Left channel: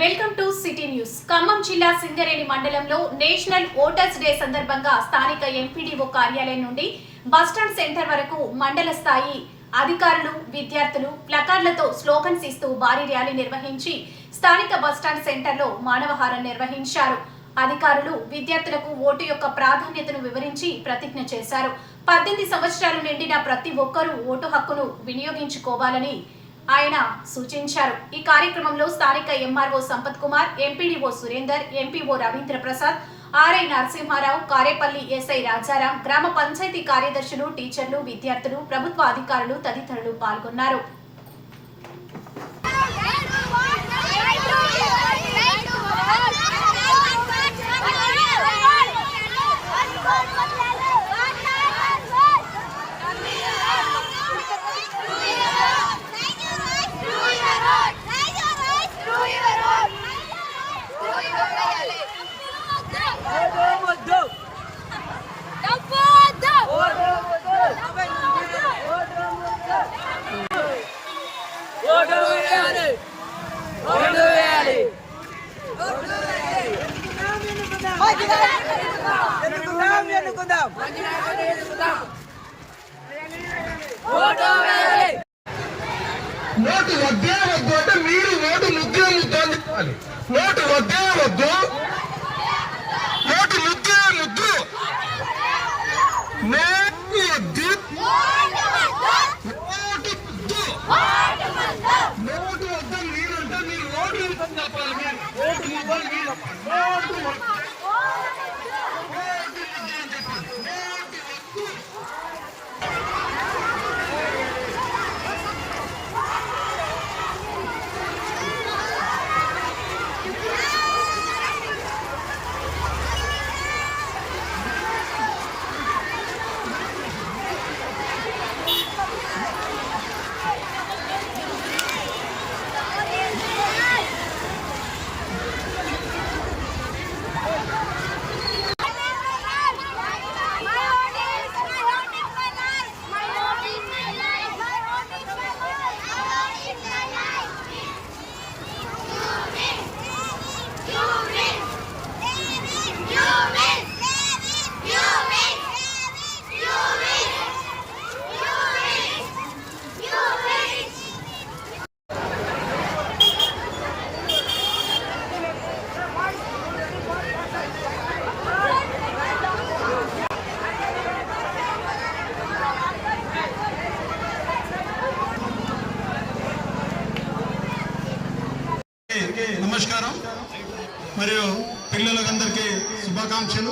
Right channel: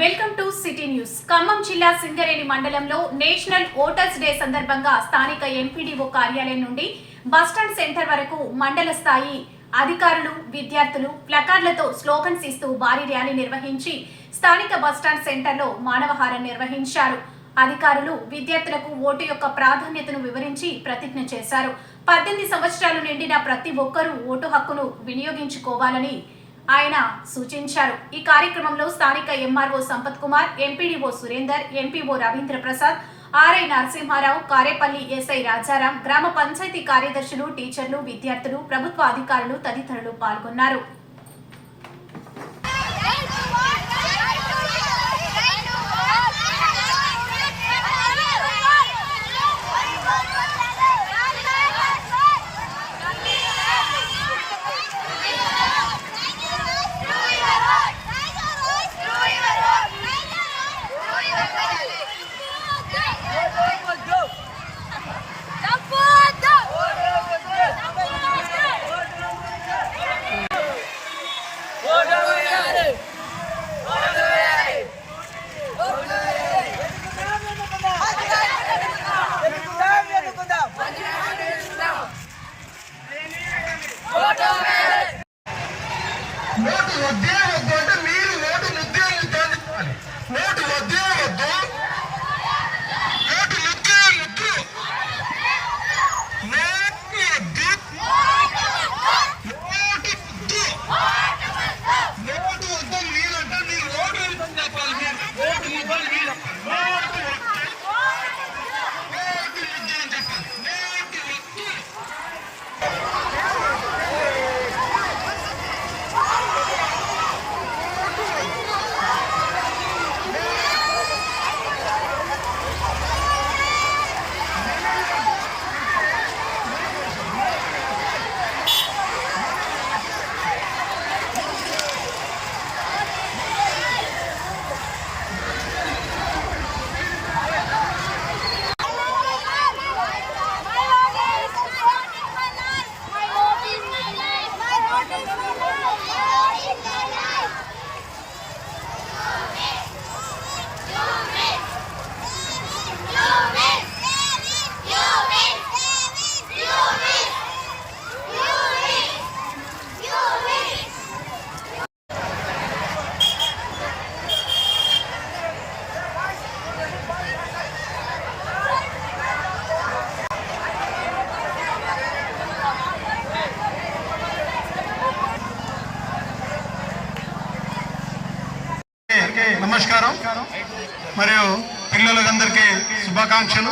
Welcome to city news. Khammam జిల్లా సింగరేణి మండలంలో national voters day సందర్భంగా స్థానిక ఎంపీడీఓ కార్యాలయం నుండి బస్టాండ్ సెంటర్ వరకు మండల స్థాయి అధికారులు విద్యార్థులు ప్లకార్డులతో స్లోగన్స్ ఇస్తూ భారీ ర్యాలీ నిర్వహించి స్థానిక బస్టాండ్ సెంటర్లో మానవహారం నిర్వహించారు. అధికారులు విద్యార్థులకు ఓటు యొక్క ప్రాధాన్యతను వివరించి ప్రతిజ్ఞ చేశారు. పద్దెనిమిది సంవత్సరాలు నిండిన ప్రతి ఒక్కరూ ఓటు హక్కును వినియోగించుకోవాలని ఆయన సూచించారు. ఈ కార్యక్రమంలో స్థానిక MRO Sampath Kumar MPDO Surender MPO Ravindra Prasad RI Narasimha Rao Karepalli SI Rajaram గ్రామ పంచాయతీ కార్యదర్శులు టీచర్లు విద్యార్థులు ప్రభుత్వ అధికారులు తదితరులు పాల్గొన్నారు. లేకపోతే మీరు నోటు ముద్దే ముద్దు అని నోటు వద్దే వద్దు. నోటు ముద్దే ముద్దు నోటు వద్దు. నోటు ముద్దు నోటు వద్ద మీరు అంటే మీరు నోటు రూపం చెప్పాలి మీరు. నోటు ముద్దని మీరు నోటు వద్దు. నోటు నమస్కారం. మరియు పిల్లలందరికీ శుభాకాంక్షలు.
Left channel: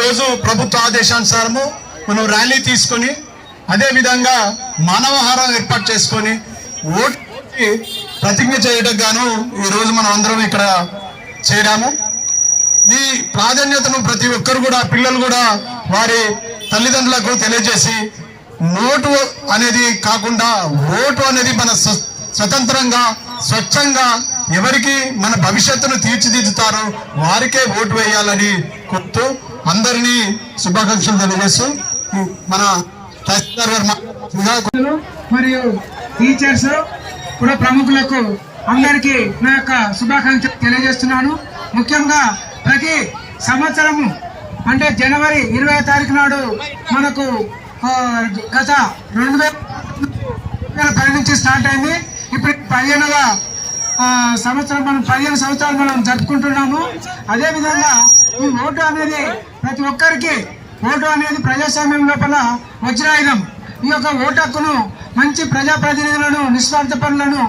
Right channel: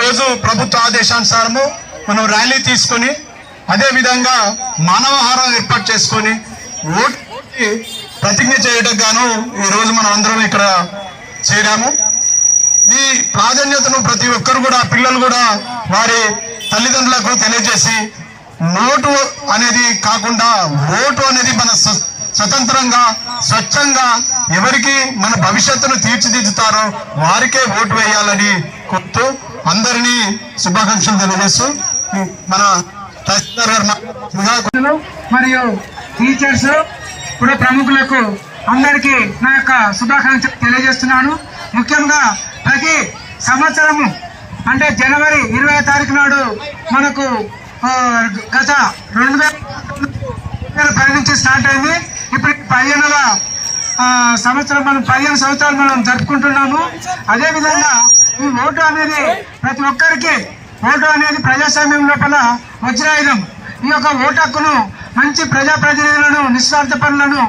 రోజు ప్రభుత్వ ఆదేశానుసారము మనం ర్యాలీ తీసుకొని అదే విధంగా మానవహారం ఏర్పాటు చేసుకొని ఓటుకి ప్రతిజ్ఞ చేయడం గాను ఈ రోజు మనం అందరం ఇక్కడ చేరాము. ఈ ప్రాధాన్యతను ప్రతి ఒక్కరు కూడా పిల్లలు కూడా వారి తల్లిదండ్రులకు తెలియజేసి నోటు అనేది కాకుండా ఓటు అనేది మన స్వతంత్రంగా స్వచ్ఛంగా ఎవరికి మన భవిష్యత్తును తీర్చిదిద్దుతారో వారికే ఓటు వేయాలని కోరుతూ అందరినీ శుభాకాంక్షలు తెలియజేస్తూ మన తహసీల్దార్ గారు మరియు టీచర్స్ కూడా ప్రముఖులకు అందరికీ నా యొక్క శుభాకాంక్షలు తెలియజేస్తున్నాను. ముఖ్యంగా ప్రతి సంవత్సరము అంటే జనవరి ఇరవై తారీఖు నాడు మనకు గత రెండు వేల పది నుంచి స్టార్ట్ అయింది. ఇప్పుడు పదిహేనవ సంవత్సరం మనం పదిహేను సంవత్సరాలు మనం జరుపుకుంటున్నాము. అదేవిధంగా ఈ ఓటు అనేది ప్రతి ఒక్కరికి ఓటు అనేది ప్రజాస్వామ్యం లోపల వజ్రాయుధం. ఈ యొక్క ఓటు హక్కును మంచి ప్రజాప్రతినిధులను నిస్వార్థ పనులను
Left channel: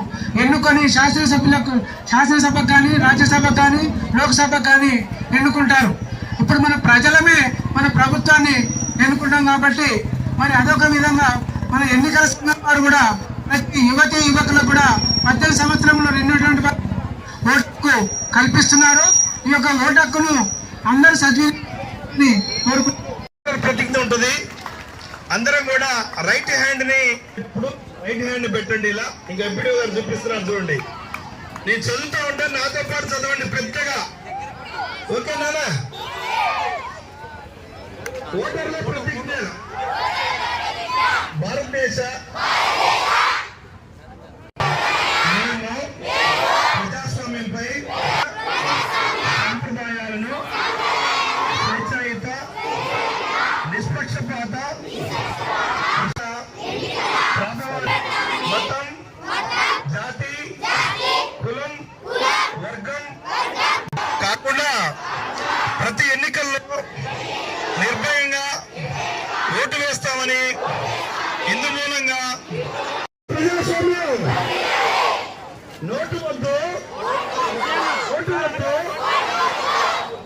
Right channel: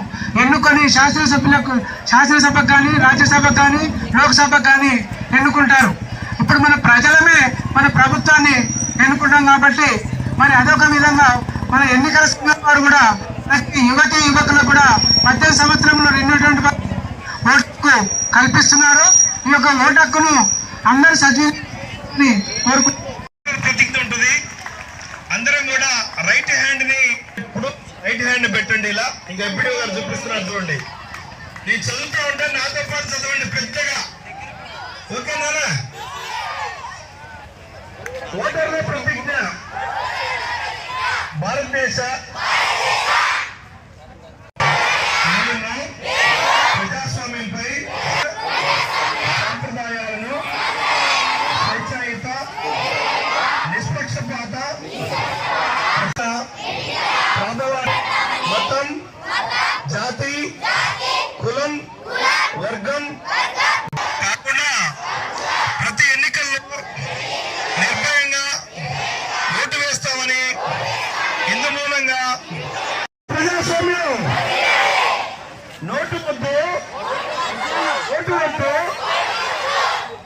ఎన్నుకొని శాసనసభ్యులకు శాసనసభకు కానీ రాజ్యసభకు కానీ లోక్సభకు కానీ ఎన్నుకుంటారు. ఇప్పుడు మన ప్రజలమే మన ప్రభుత్వాన్ని ఎన్నుకుంటాం కాబట్టి మరి అదొక విధంగా మన ఎన్నికల సంఘం వారు కూడా ప్రతి యువతి యువకులకు కూడా పద్దెనిమిది సంవత్సరంలో రెండు ఓటుకు కల్పిస్తున్నారు. ఈ యొక్క ఓటు హక్కును అందరూ సద్విని కోరుకుంటున్నారు. ప్రతిజ్ఞ ఉంటుంది. అందరం కూడా రైట్ హ్యాండ్ని ఇప్పుడు రైట్ హ్యాండ్ పెట్టండి ఇలా. ఇంకా ఎంపీడీ గారు చూపిస్తున్నారు చూడండి. నేను చదువుతూ ఉంటే నాతో పాటు చదవండి పెద్దగా. ఓకేనా ఓటర్ల ప్రతిజ్ఞ. భారతదేశ ప్రజాస్వామ్యం. నోటు వద్దు